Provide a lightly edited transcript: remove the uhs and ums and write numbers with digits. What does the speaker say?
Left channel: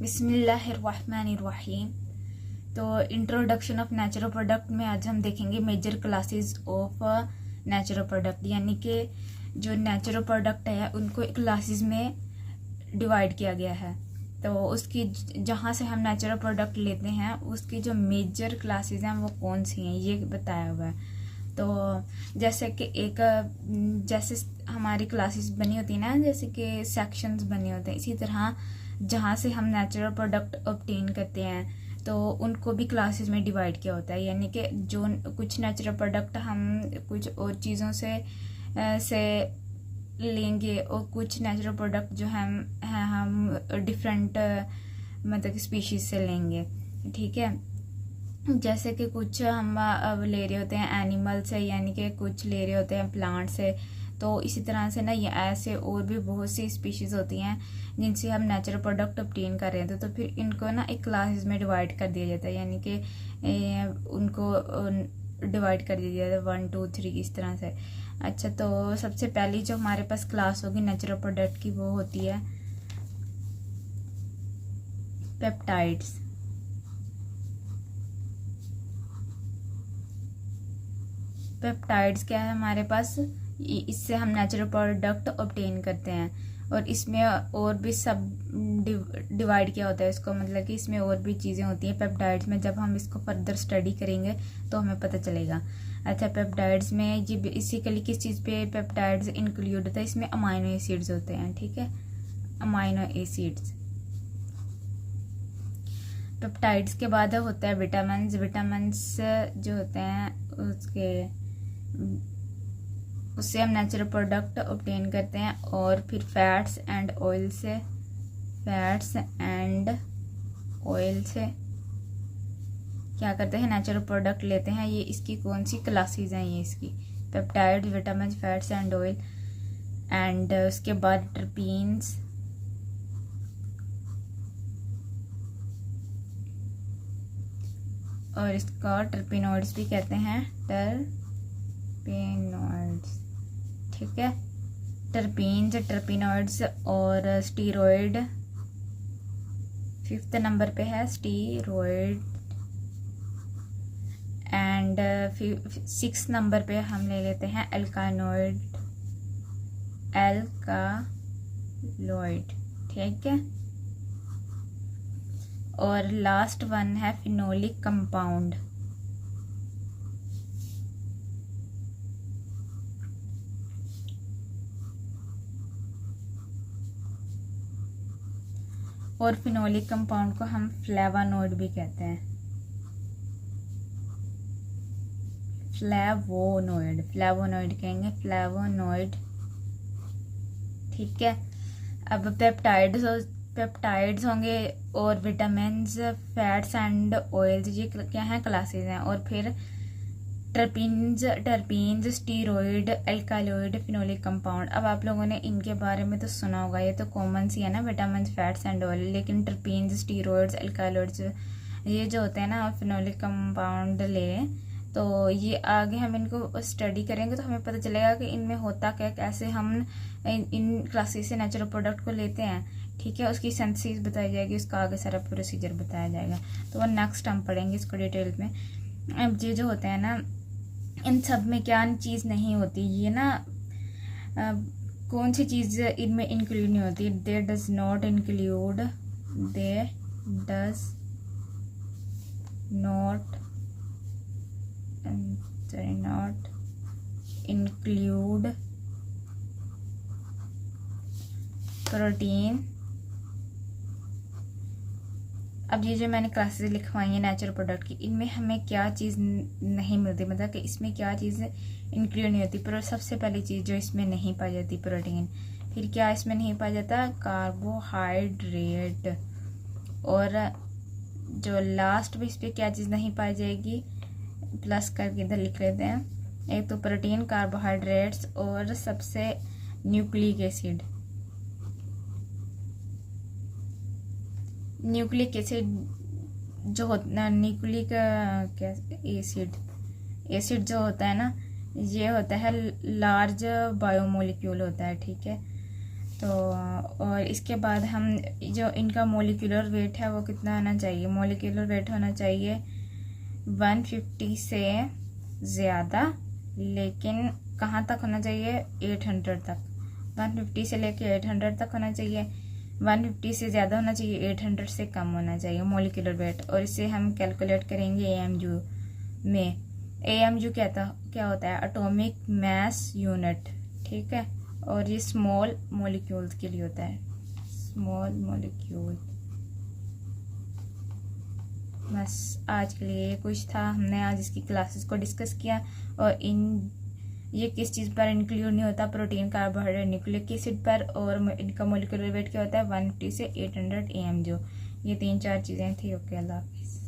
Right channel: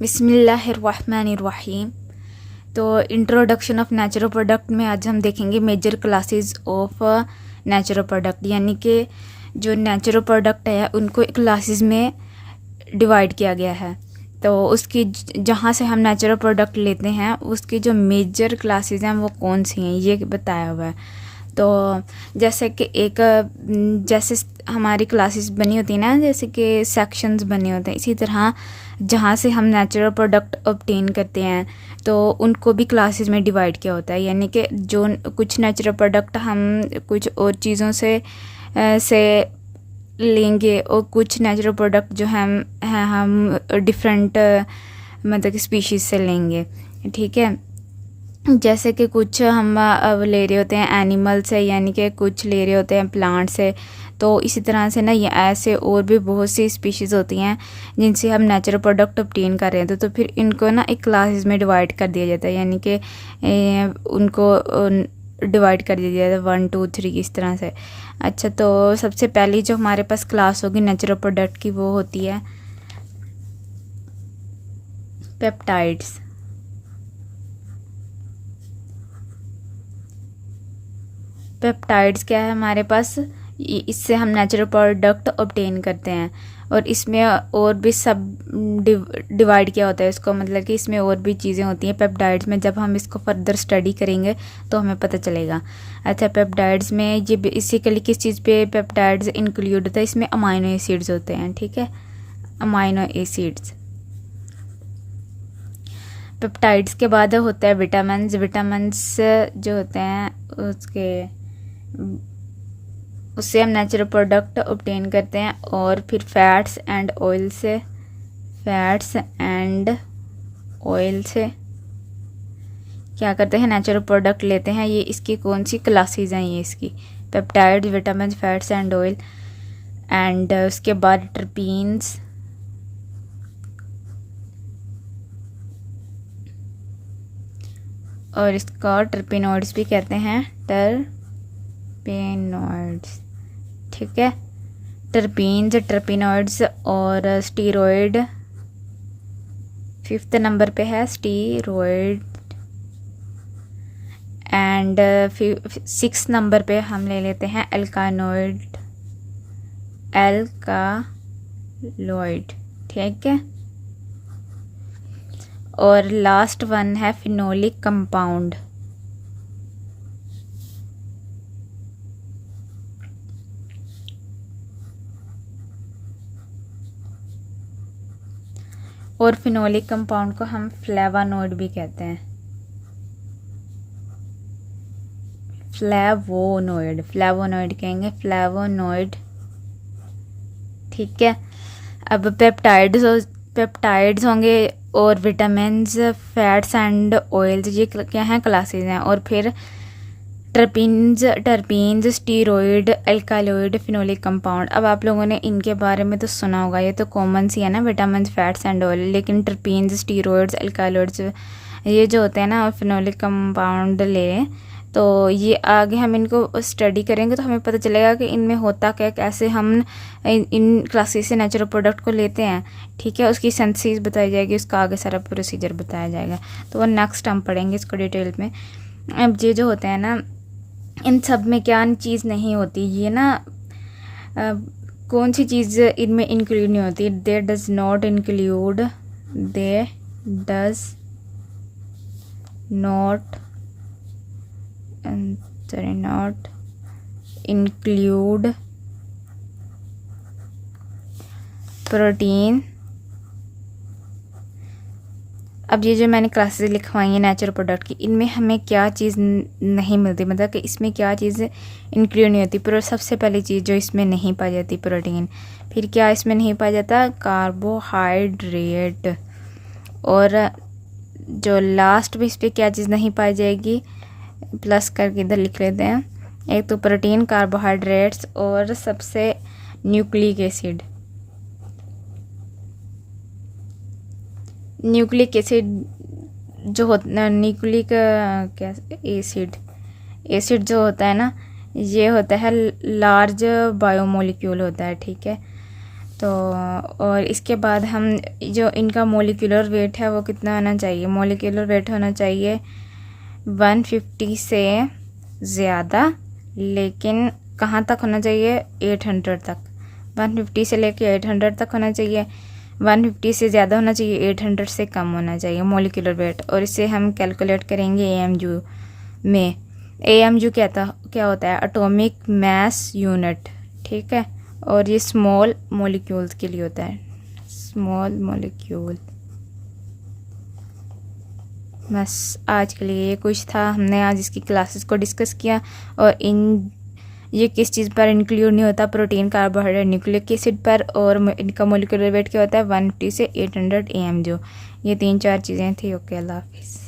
बिस्मिल्लाहिर्रहमानिर्रहीम। तो introduction of natural product में आज हम देखेंगे major classes of natural product, यानी कि जो नेचुरल प्रोडक्ट है उनको क्लासेस में डिवाइड किया गया है। तो उसकी जहाँ से हम नेचुरल प्रोडक्ट लेते हैं उसकी जो मेजर क्लासेस हैं वो कौन सी हैं ये बताया हुआ है। तो जैसे कि जैसे हमारी क्लासेस बनी होती है ना, जैसे कि सेक्शंस बने होते हैं, इसी तरह जहाँ से हम नेचुरल प्रोडक्ट ऑब्टेन करते हैं तो उनको भी क्लासेस में डिवाइड किया होता है। यानी कि जो कुछ नेचुरल प्रोडक्ट हम कुछ और चीज़ों से लेंगे और कुछ नेचुरल प्रोडक्ट जो हम डिफरेंट मतलब कि स्पीशीज़ से लेंगे, ठीक है। जैसे कि कुछ हम ले रहे होते हैं एनिमल से, यानी कि कुछ ले रहे होते हैं प्लांट से। तो इसी तरह से ना ये ऐसे और भी बहुत सी स्पीशीज़ होती हैं जिनसे हम नेचुरल प्रोडक्ट ऑब्टेन कर रहे हैं। तो फिर इनको ना एक क्लासेस में डिवाइड कर दिया जाता है, यानी कि उनको डिवाइड कर दिया जाता है 1 2 3 इस तरह से। अच्छा, तो सबसे पहली जो हमारे पास क्लास होगी नेचुरल प्रोडक्ट की वो होती है पेप्टाइड्स। पेप्टाइड्स क्या है हमारे पास, इससे हम नेचुरल प्रोडक्ट ऑब्टेन करते हैं। और इसमें और भी सब डिवाइड किया होता है इसको, मतलब कि इसमें और भी चीज़ें होती हैं पेप्टाइड्स में। जब हम इसको फर्दर स्टडी करेंगे तो हमें पता चलेगा। अच्छा, पेप्टाइड्स में ये बेसिकली किस चीज़ पे पेप्टाइड्स इंक्लूड होता है, इसमें अमाइनो एसिड्स होते हैं, ठीक है, अमाइनो एसिड्स। पेप्टाइड्स के बाद होता है विटामिन्स। विटामिन्स जो होते हैं उससे हम नेचुरल प्रोडक्ट ऑब्टेन करते हैं। और फिर फैट्स एंड ऑयल से क्या करते हैं, नेचुरल प्रोडक्ट लेते हैं। ये इसकी कौन सी क्लासेस हैं, ये इसकी peptide, vitamin, fats and oil. And उसके बाद टर्पीन्स, और इसका टर्पिनॉइड्स भी कहते हैं, टर्पिनॉइड्स, ठीक है। टर्पीन्स, टर्पिनॉइड्स और स्टीरॉयड 5th नंबर पे है स्टीरॉयड। एंड 6th नंबर पे हम ले लेते हैं एल्कालॉइड, ठीक है। और लास्ट वन है फिनोलिक कंपाउंड। और फिनोलिक कंपाउंड को हम फ्लेवानोइड भी कहते हैं, फ्लेवोनोइड कहेंगे, फ्लेवोनोइड, ठीक है। अब पेप्टाइड्स होंगे और विटामिन्स, फैट्स एंड ऑयल्स, ये क्या हैं, क्लासेस हैं। और फिर टर्पीन्स, स्टीरॉयड, एल्कालॉइड, फिनोलिक कंपाउंड। अब आप लोगों ने इनके बारे में तो सुना होगा, ये तो कॉमन सी है ना, विटामिन्स, फैट्स एंड ऑयल। लेकिन टर्पीन्स, स्टीरॉयड्स, एल्कालॉइड्स ये जो होते हैं ना, फिनोलिक कंपाउंड ले, तो ये आगे हम इनको स्टडी करेंगे तो हमें पता चलेगा कि इनमें होता क्या, कैसे हम इन क्लासेस से नेचुरल प्रोडक्ट को लेते हैं, ठीक है। उसकी सिंथेसिस बताई जाएगी, उसका आगे सारा प्रोसीजर बताया जाएगा। तो वो नेक्स्ट हम पढ़ेंगे इसको डिटेल में। अब ये जो होते हैं ना, इन सब में क्या चीज़ नहीं होती, ये ना कौन सी चीज़ इनमें इंक्लूड नहीं होती, दे डज नॉट इंक्लूड प्रोटीन। अब ये जो मैंने क्लासेस लिखवाई हैं नेचुरल प्रोडक्ट की, इनमें हमें क्या चीज़ नहीं मिलती, मतलब कि इसमें क्या चीज़ इंक्लूड नहीं होती। पर सबसे पहली चीज़ जो इसमें नहीं पाई जाती, प्रोटीन। फिर क्या इसमें नहीं पाया जाता, कार्बोहाइड्रेट। और जो लास्ट में इस पर क्या चीज़ नहीं पाई जाएगी, प्लस करके इधर लिख लेते हैं, एक तो प्रोटीन, कार्बोहाइड्रेट्स और सबसे न्यूक्लिक एसिड। न्यूक्लिक एसिड जो होता, न्यूक्लिक क्या एसिड जो होता है ना, ये होता है लार्ज बायोमोलिक्यूल होता है, ठीक है। तो और इसके बाद हम जो इनका मोलिकुलर वेट है वो कितना होना चाहिए, मोलिकुलर वेट होना चाहिए 150 से ज़्यादा, लेकिन कहाँ तक होना चाहिए, 800 तक। 150 से लेके 800 तक होना चाहिए। 150 से ज़्यादा होना चाहिए, 800 से कम होना चाहिए मोलिकुलर वेट। और इसे हम कैलकुलेट करेंगे AMU में। AMU क्या होता है, एटॉमिक मास यूनिट, ठीक है। और ये स्मॉल मॉलिक्यूल्स के लिए होता है, स्मॉल मॉलिक्यूल। बस आज के लिए ये कुछ था, हमने आज इसकी क्लासेस को डिस्कस किया। और ये किस चीज़ पर इंक्लूड नहीं होता, प्रोटीन, कार्बोहाइड्रेट, न्यूक्लिक एसिड पर। और इनका मोलिकुलर वेट क्या होता है, 150 से 800 AMU। ये 3-4 चीज़ें थी। ओके, अल्लाह हाफिज़।